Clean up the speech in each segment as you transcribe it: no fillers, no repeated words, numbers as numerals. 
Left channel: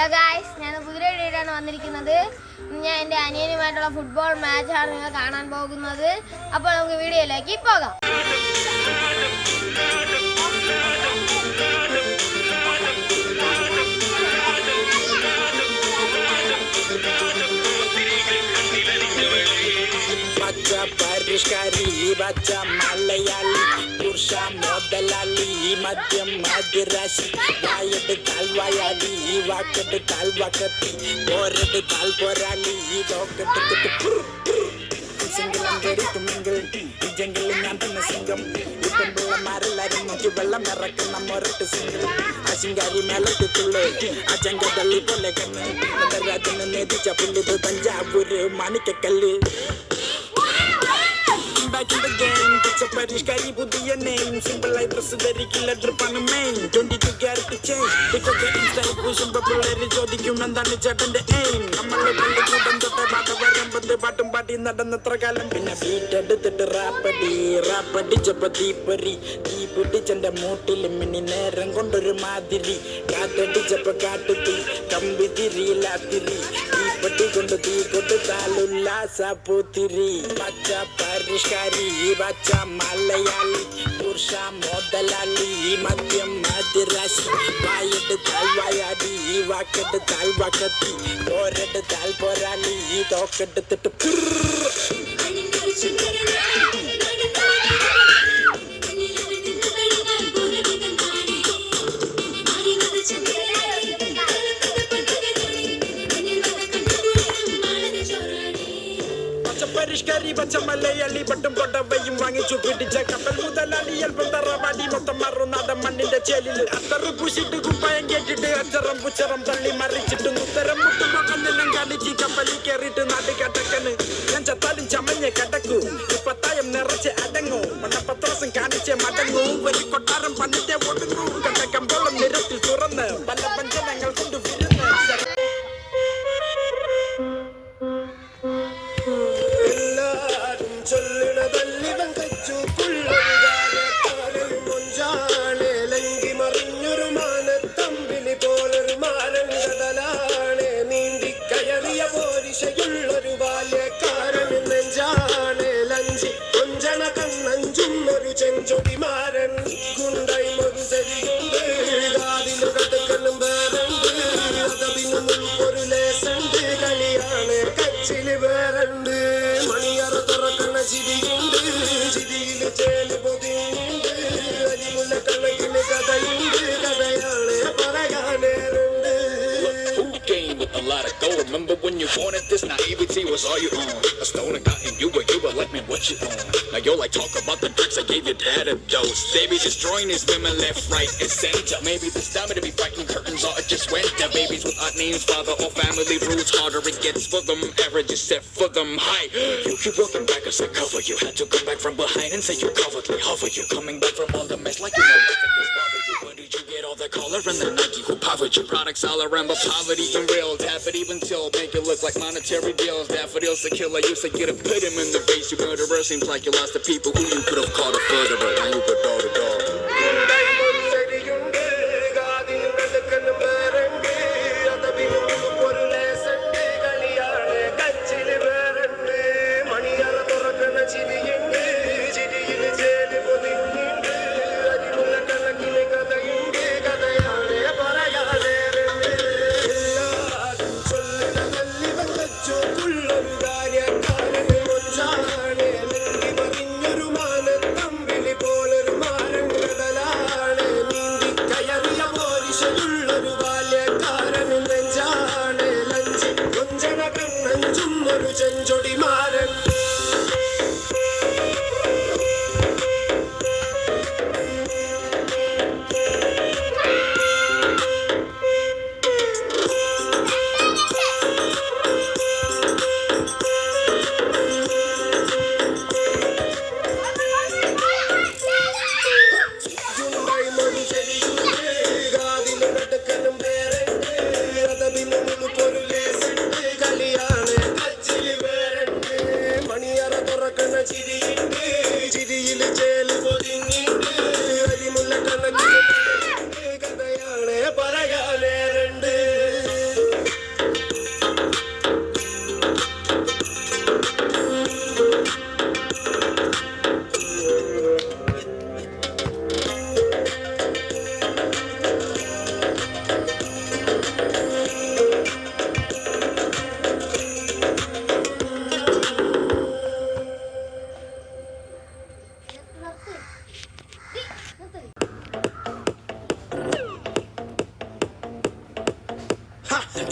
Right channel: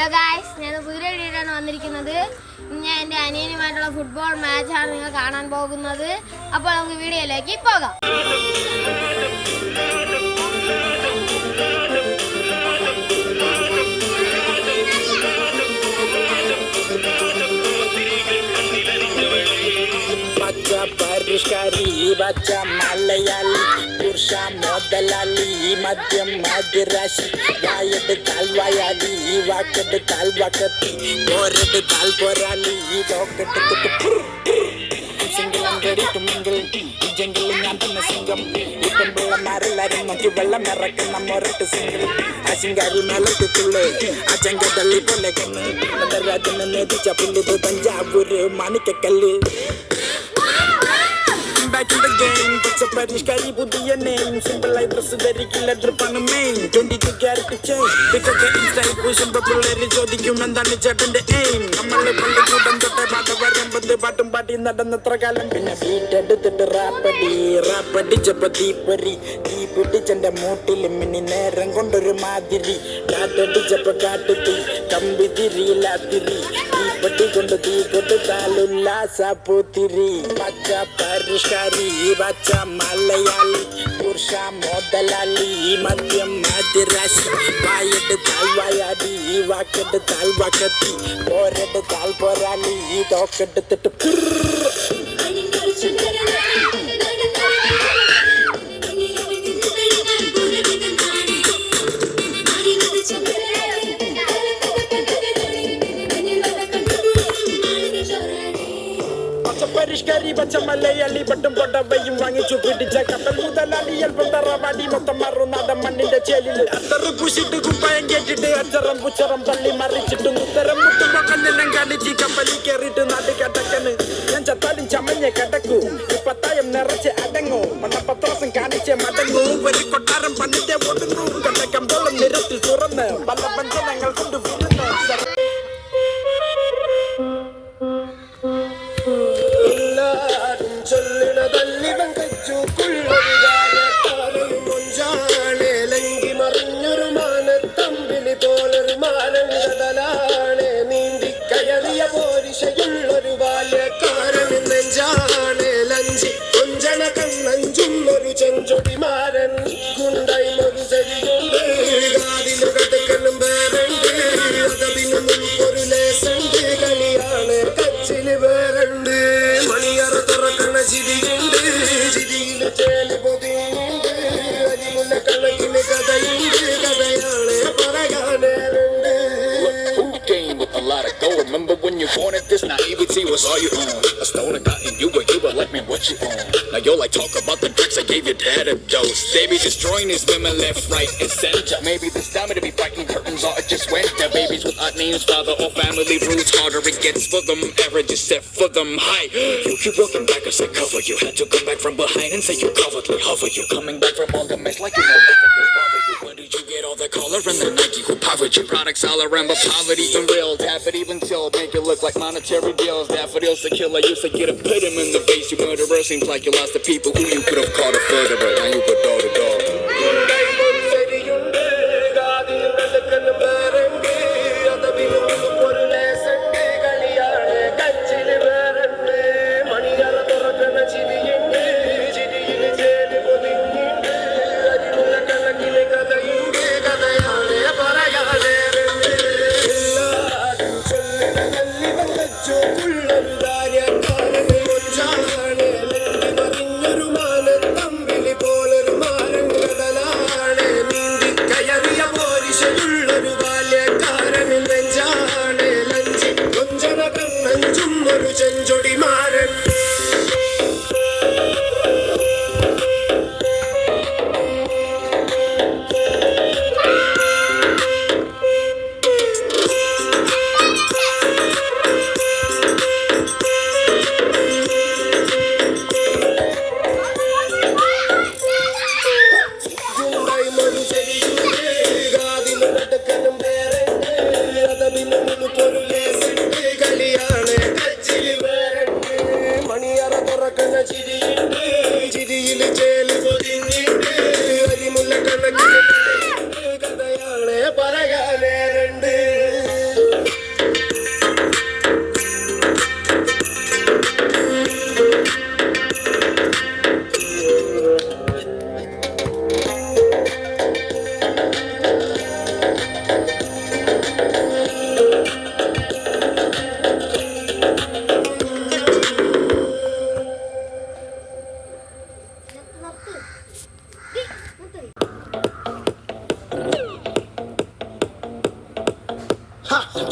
Hello guys, ഞാൻ വീഡിയോയിലാണ് വന്നിരിക്കുന്നത്. ഞാൻ എൻ്റെ അനിയനുമായിട്ടുള്ള ഫുട്ബോൾ മാച്ചാണ് നിങ്ങൾ കാണാൻ പോകുന്നത്. അപ്പോൾ നമുക്ക് വീഡിയോയിലേക്ക് പോകാം. പരിഷ്കാരി ബച്ച മലയാളി പുരുഷ മുതലാളി മദ്യം മധുരാശി വായെടുത്താൽ വായാലി വാക്കെടുത്താൽ വാക്കത്തി പോരെടുത്താൽ പോരാളി പോക്കെടുത്തിട്ട് സിംഗിളും റെഡിക്കും മിങ്കിൾ ഇജെങ്കിലും ഞാൻ തന്നെ സിംഗം ഇപ്പം പിള്ളമാരെല്ലാരും നോക്കി വെള്ളം ഇറക്കുന്ന മൊരട്ട് സിംഗിൾ അശിങ്കാരി മേലത്തുള്ളേ അച്ചങ്ക തള്ളി പോലെ കണ്ണ് രാജ്യം നേതിച്ച പുല്ലുത് Thanjavur Manikyakkallu. Back in the game, it's a പരിഷ്കാരി പുതിയ name. Simple ആയി ഡ്രസ് ധരിക്കില്ല ഡ്രിപ്പാണ് മെയിൻ. 22 ക്യാരറ്റ് ചെയിൻ ഇതൊക്കെ ഇൻസ്റ്റൈൽ പൂശുമ്പോ പിള്ളേര് ചോദിക്കും എന്താണ് ചേട്ടന്റെ എയിം. നമ്മളെ പണ്ട് കൂട്ടം തൊട്ട പാട്ട് വരുമ്പത് പാട്ടും പാട്ടി നടന്നത്ര കാലം. പിന്നെ ബീറ്റ് എടുത്തിട്ട് റാപ്പടിച്ചപ്പോ തീപ്പൊരി തീ പിടിച്ചെന്റെ മൂട്ടിൽ മിന്നി നേരം കൊണ്ടൊരു മാതിരി കാറ്റടിച്ചപ്പോ കാട്ടുത്തി കമ്പി തിരിയിലാത്തിരി തീപ്പെട്ടി കൊണ്ട് തീ കൊടുത്താലുല്ലാസ പൂത്തിരി പച്ച പരിഷ്കാരി പച്ച മലയാളി പുരുഷ മുതലാളി മദ്യം മധുരാശി വായെടുത്താൽ വായാടി വാക്കെടുത്താൽ വാക്കത്തി പോരെടുത്താൽ പോരാളി തോക്കെടുത്തിട്ട് പരിഷ്കാരി പച്ച മലയാളി പട്ടും പൊട്ടവയും വാങ്ങിച്ചു പിടിച്ച കപ്പൽ മുതലാളി അല്പം തറവാടി മൊത്തം മാറും നാടൻ മണ്ണിന്റെ ചേലില് അത്തറി പൂശിട്ട് കുപ്പായം കേട്ടിട്ട് അച്ചറം പുച്ചറം തള്ളി മറിച്ചിട്ട് ഉത്തരം മുട്ടുമ്പോ കണ്ണെല്ലാം കാണിച്ച് കപ്പലിൽ കയറിയിട്ട് നാട് കടക്കണ്. ഞാൻ ചത്താലും ചമഞ്ഞ കടക്കൂ പത്തായം നിറച്ച് അടങ്ങൂ മണ്ണപ്പത്രാസം കാണിച്ച് മടങ്ങൂ ഒരു കൊട്ടാരം പന്നിന്റെ ഒടുങ്ങൂ കണ്ടക്കമ്പോളം നിരത്തിൽ തുറന്ന് പല പഞ്ചനങ്ങൾ കൊണ്ട് വിരുന്ന് ൊരു ബാല്യക്കാരൻ നെഞ്ചാണ് ലഞ്ചി കൊഞ്ചണ കണ്ണഞ്ചും ഒരു ചെഞ്ചൊടിമാരൻ ഗുണ്ടായി ഒരു ചെടികളും വേറുണ്ട് അതതിന് മുൻപൊരു ലേസുണ്ട് കളിയാണ് കച്ചില് വേറുണ്ട് മണിയറ തുറക്കണ ചിരിയുണ്ട് ചിരിയിൽ ചേല് പൊതിയുണ്ട് അരിമുള്ള കണക്കിന് കഥയുണ്ട് കഥയാണ് പറയാനുണ്ട്. A lot of go. Remember when you wanted this naivety was all you own. I stole and got in you, but you were like, man, what you own? Now yo like talk about the bricks I gave your dad a dose. They be destroying these women left, right, and center. Maybe this time to be fighting curtains or it just went there. Babies with odd names, father or family roots. Harder it gets for them, average is set for them high. You broken back as I cover you. Had to come back from behind and say you covered me. Hover you coming back from all the mess like you know nothing was bothered you. When did you get all the color and the Nike who powered you? Products all around, but poverty even real. Tap it even till make it look like monetary deals. Daffodils to kill, I used to get a pit him in the face. You murderer seems like you lost the people who you could have called a furtherer. And you could door to door.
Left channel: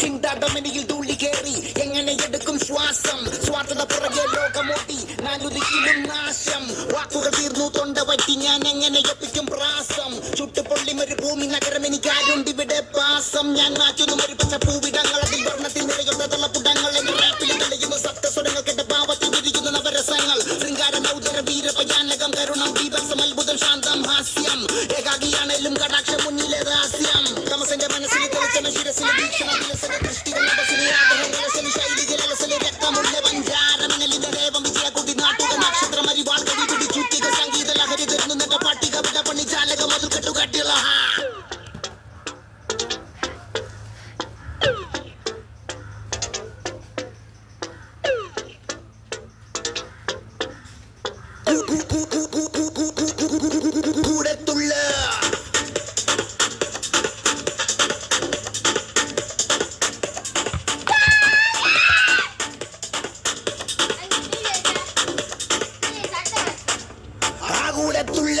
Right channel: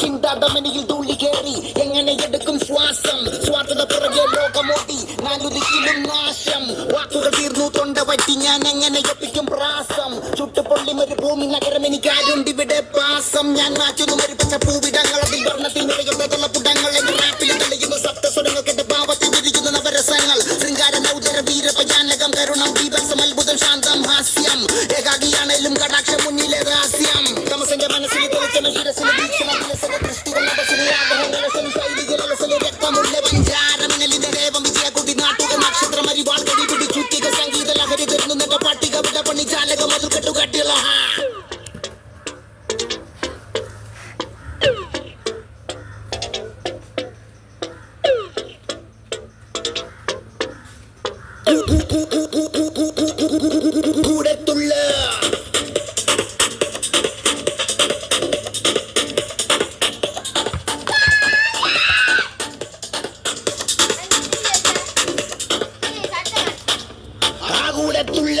ചിന്താതമനിയിൽ തുള്ളി കയറി എങ്ങനെ എടുക്കും ശ്വാസം സ്വാർത്ഥത പുറകെ ലോകമോട്ടി നാലുദിക്കിലും നാശം വാക്കുകൾ തീർന്നു തൊണ്ട പറ്റി ഞാൻ എങ്ങനെ എത്തിക്കും പ്രാസം ചുട്ടുപൊള്ളി മരുഭൂമി നഗരം എനിക്കാരുണ്ട് ഇവിടെ പാസം ഞാൻ മാറ്റുന്നു മരുപ്പച്ച പൂവിടങ്ങൾ അതിൽ വർണ്ണത്തിൽ നിറയുന്ന പുടങ്ങൾ എന്റെ റാപ്പിൽ തെളിയുന്ന സപ്തസ്വരങ്ങൾക്കെന്റെ ഭാവത്തിൽ തിരിക്കുന്ന നവരസങ്ങൾ ശൃംഗാര നൗദര വീരഭയാനകം കരുണം ദീപസം അത്ഭുതം ശാന്തം ഹാസ്യം ഏകാഗിയാണേലും കടാക്ഷം മുന്നിലെ രഹസ്യം തമസന്റെ മനസ്സിൽ തെളിച്ചന ശിരസിൽ ശൈലികൾ രക്തമുള്ള പഞ്ചാരമനലിന്റെ ദേവം വിജയക്കുട്ടി നാട്ടുക നക്ഷത്രം അരിവാൾ കടി പിടി ചുറ്റിക സംഗീത ലഹരി തീർന്നു പട്ടിക വിട പണി ചാലകം അത് കെട്ടുകട്ടിയുള്ള കൂടത്തുള്ള കൂടത്തുള്ള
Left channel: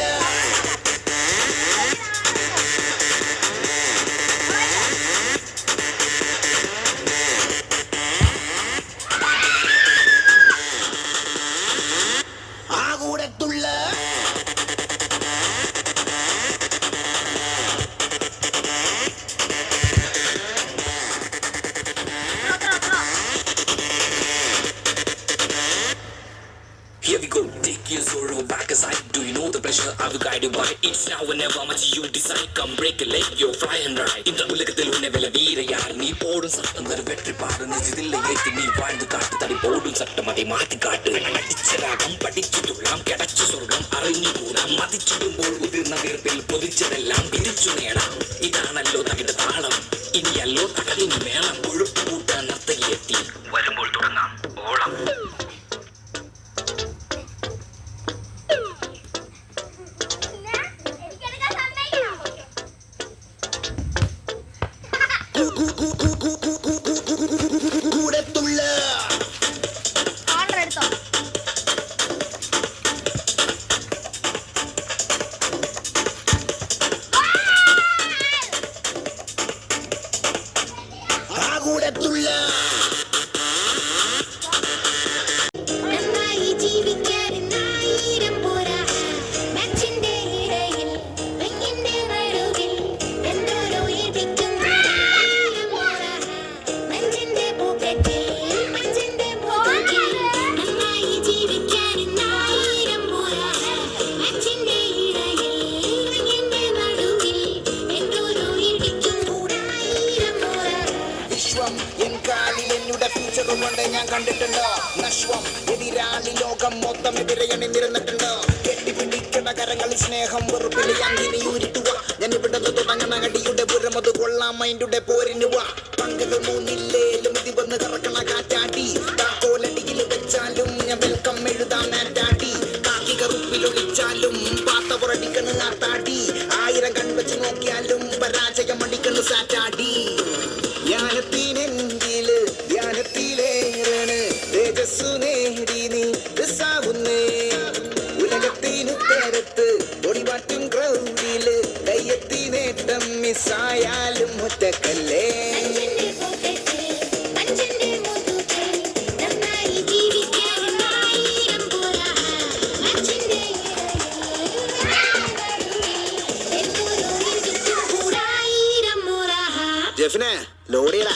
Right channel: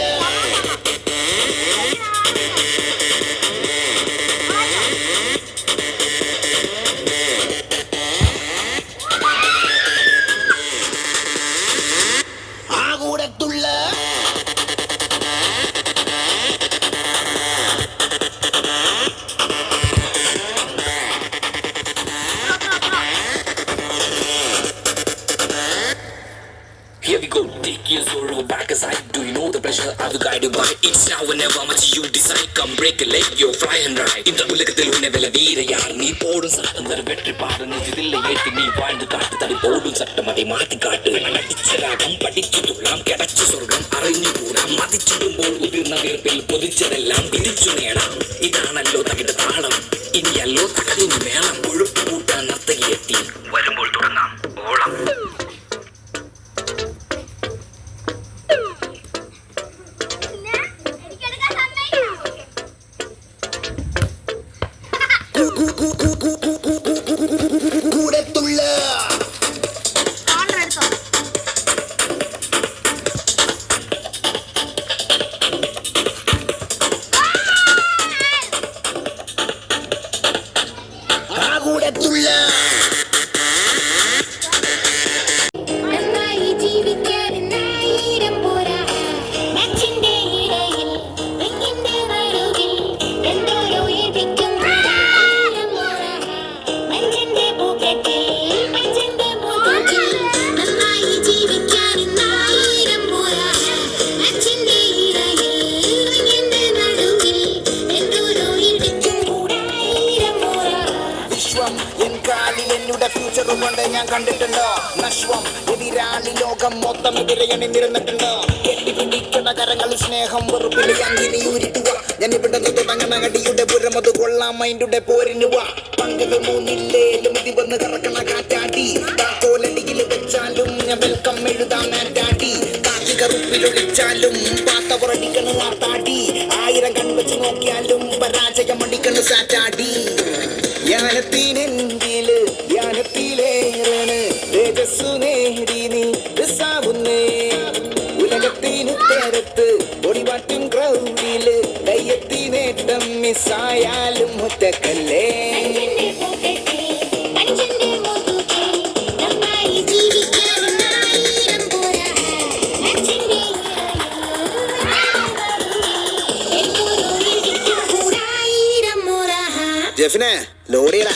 കൂടത്തുള്ള Here we go, take your sorrow back aside. Do you know the pleasure I've guided by? It's now or never, much you decide. Come break a leg, you're fly and ride. In the ഉലകത്തിൽ ഉന്നവല വീരയാർ നീ പോടും സട്ടം തര വെற்றி പാടുന്ന ഇതില്ല ഏറ്റി നീ வாழ்ந்து കാട്ടു തടി പോടും സട്ടം அதை മാറ്റിക്കാട്ട് അടിച്ചരാകം പഠിച്ചു തുള്ളാം കിടച്ചു സ്വർഗം അറിഞ്ഞു കൂടാം മതിച്ചിടുമ്പോൾ ഉതിർന്ന വീർപ്പിൽ പൊതിച്ചതെല്ലാം പിടിച്ചു നേടാം ഇതാണല്ലോ തകിട താളം ഇനിയല്ലോ തകതിന് മേളം കൊഴുപ്പ് കൂട്ടാൻ നർത്തകിയെത്തി വരുമ്പോൾ തുടങ്ങാം ഓളം കൂടത്തുള്ള കൂടത്തുള്ള കൊണ്ട് ഞാൻ കണ്ടിട്ടുണ്ടോ നശ്വം എതിരാളി ലോകം മൊത്തം എതിരെ എണ്ണിരുന്നിട്ടുണ്ടോ കെട്ടിപ്പിടിക്കുന്ന കരങ്ങൾ സ്നേഹം വെറുപ്പിന് അങ്ങിനി ഉരുട്ടുക ഞാൻ ഇവിടെ അങ്ങനടിയുടെ പുറമത് കൊള്ളാം മൈൻഡുടെ പോരിനുവ പങ്കല് മൂന്നില്ലേലും ഇതി വന്ന് കറക്കണ കാറ്റാടി കോലടിയിൽ വെച്ചാലും ഞാൻ വെൽക്കം എഴുതാൻ ആറ്റാടി കാക്കി കറുപ്പിലൊഴിച്ചാലും പാത്ത പുറടിക്കണ് ആത്താടി 1000 കൺവെച്ച് നോക്കിയാലും പരാജയം അടിക്കണ് സാറ്റാടി ധ്യാനത്തിനെങ്കില് ധ്യാനത്തിലേറാണ് തേജസ്സു നേടി നീ സാവുന്നേ ഉലകത്തിന് തരത്ത് പൊടിവാറ്റും ക്രൗഡില് കയ്യെത്തി നേട്ടം മിസ്സായാലും ഒറ്റക്കല്ലേ ജെഫിനെ ലോഡിയടാ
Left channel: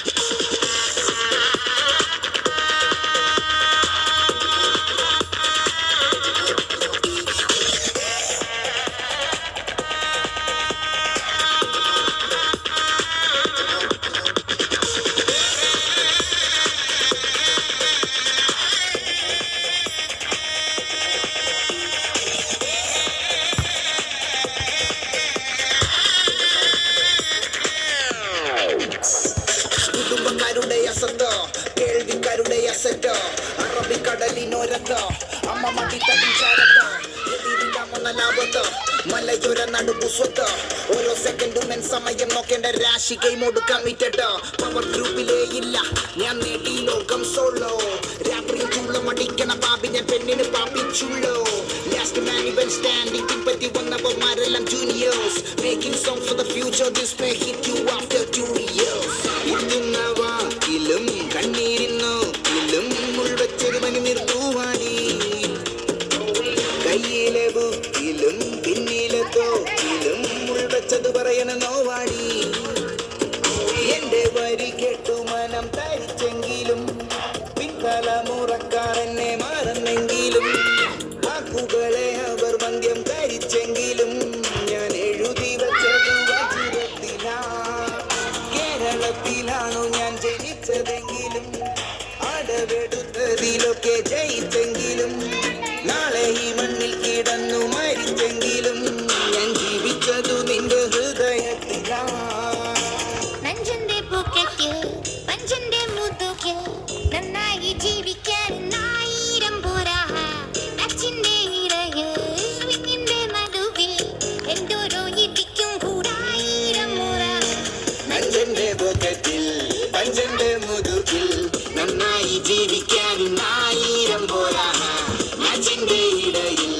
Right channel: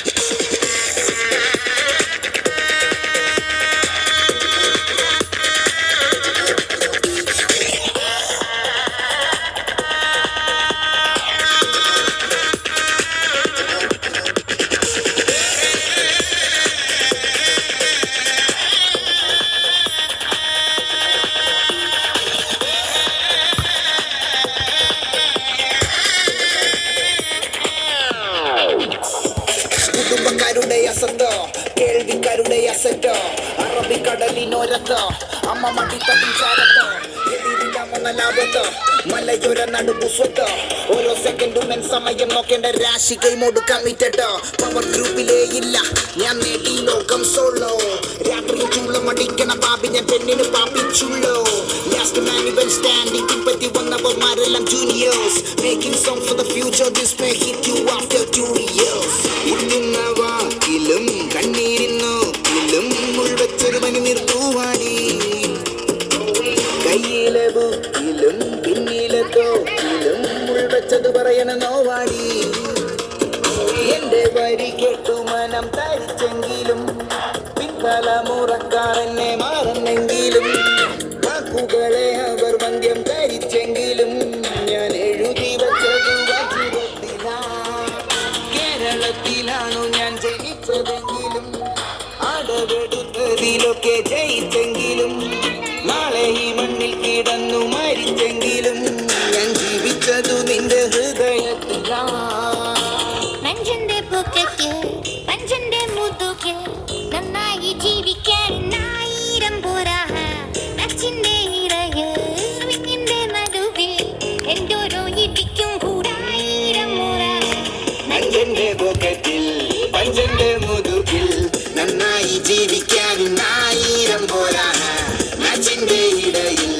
കുടുംബക്കാരുടെ അസത്തോ കേൾവിക്കാരുടെ അസറ്റോ അറബിക്കടലിനോരത്തോ അമ്മ മടിത്തട്ടും ചാരത്തോ ലാഭത്തോ മലയോര നടുപുസ്വത്തോ ഓരോ സെക്കൻഡും എൻ സമയം നോക്കേണ്ട രാശി കൈമോട് കമ്മിറ്റോ പവർ ഗ്രൂപ്പിലേ ഇല്ല ഞാൻ നേടി ലോകം സോളോ രാത്രി ചുള്ളം അടിക്കണ പാപ്പി ഞാൻ പെണ്ണിന് പാപ്പിച്ചുള്ളോ ലാസ്റ്റ് മാൻ ഇവൻ സ്റ്റാൻഡിംഗ് പറ്റി വന്നവന്മാരെല്ലാം juniors making song for the future this may hit you after 2 years കളിയിലൊക്കെ ജയിച്ചെങ്കിലും നാളെ ഈ മണ്ണിൽ കിടന്നു മരിച്ചെങ്കിലും ഞാൻ ജീവിച്ചതു നിന്റെ ഹൃദയത്തിലാണ്. നഞ്ചന്റെ പോക്കറ്റ് പഞ്ചന്റെ മുതുകിൽ നന്നായി ജീവിക്കാൻ 1000 പോരാ. അച്ഛന്റെ ഇറയിൽ വിങ്ങിന്റെ നടുവിൽ എന്തോരോ ഇടിക്കും കൂടായിരം മുറ. നഞ്ചന്റെ പോക്കറ്റിൽ പഞ്ചന്റെ മുതുകിൽ നന്നായി ജീവിക്കാൻ 1000 പോരാ. അച്ഛന്റെ ഇടയിൽ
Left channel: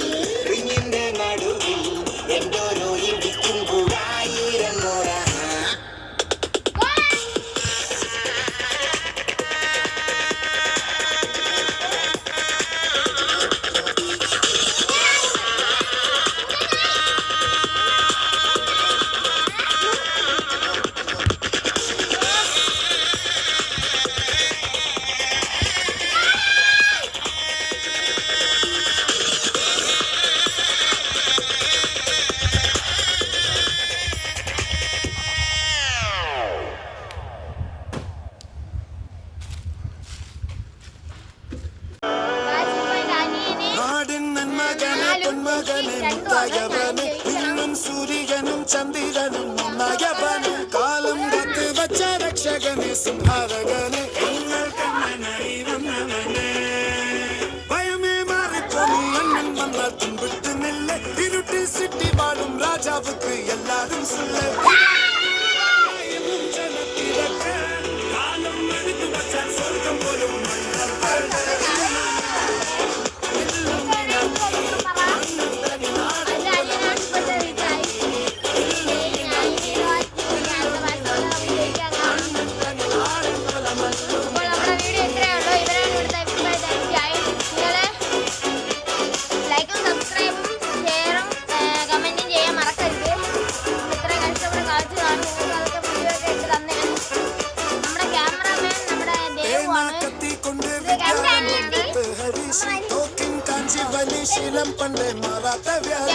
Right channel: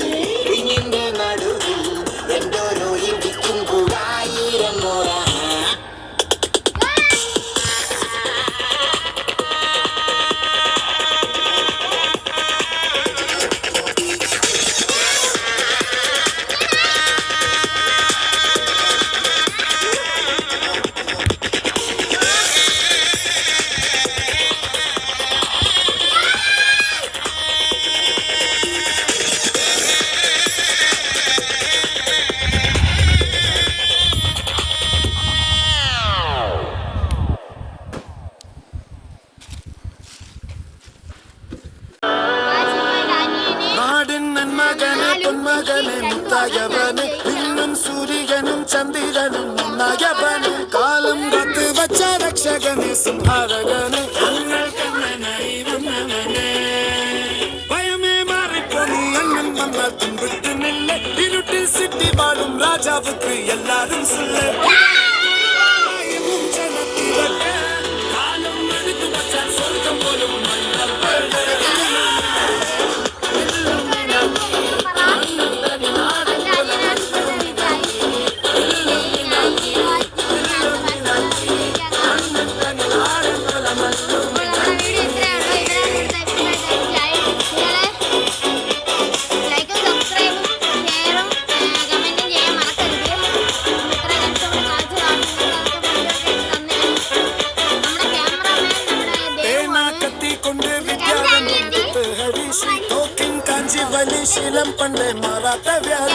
വിങ്ങിന്റെ നടുവിൽ എന്തോരോ ഇടിക്കും കൂടായിരം മുറ. നാടിൻ നന്മകനെ പൊന്മകനെ മുത്തായവനെ ഇന്നും സൂര്യനും ചന്ദ്രനും നന്നായവനെ കാലം കാത്ത് വച്ച രക്ഷകനെ സിംഹാരകനെ ഭയമേ മാറിപ്പോയി എന്നും നമ്മൾ തുമ്പിട്ടുന്നില്ല ഇരുട്ടിൽ സിറ്റി വാഴും രാജാവുക്ക് എല്ലാരും സുല്ലേ കാലം എടുത്തു വച്ച സ്വർഗം പോലും ശീലം പണ്ട് മാറാത്ത വ്യാധി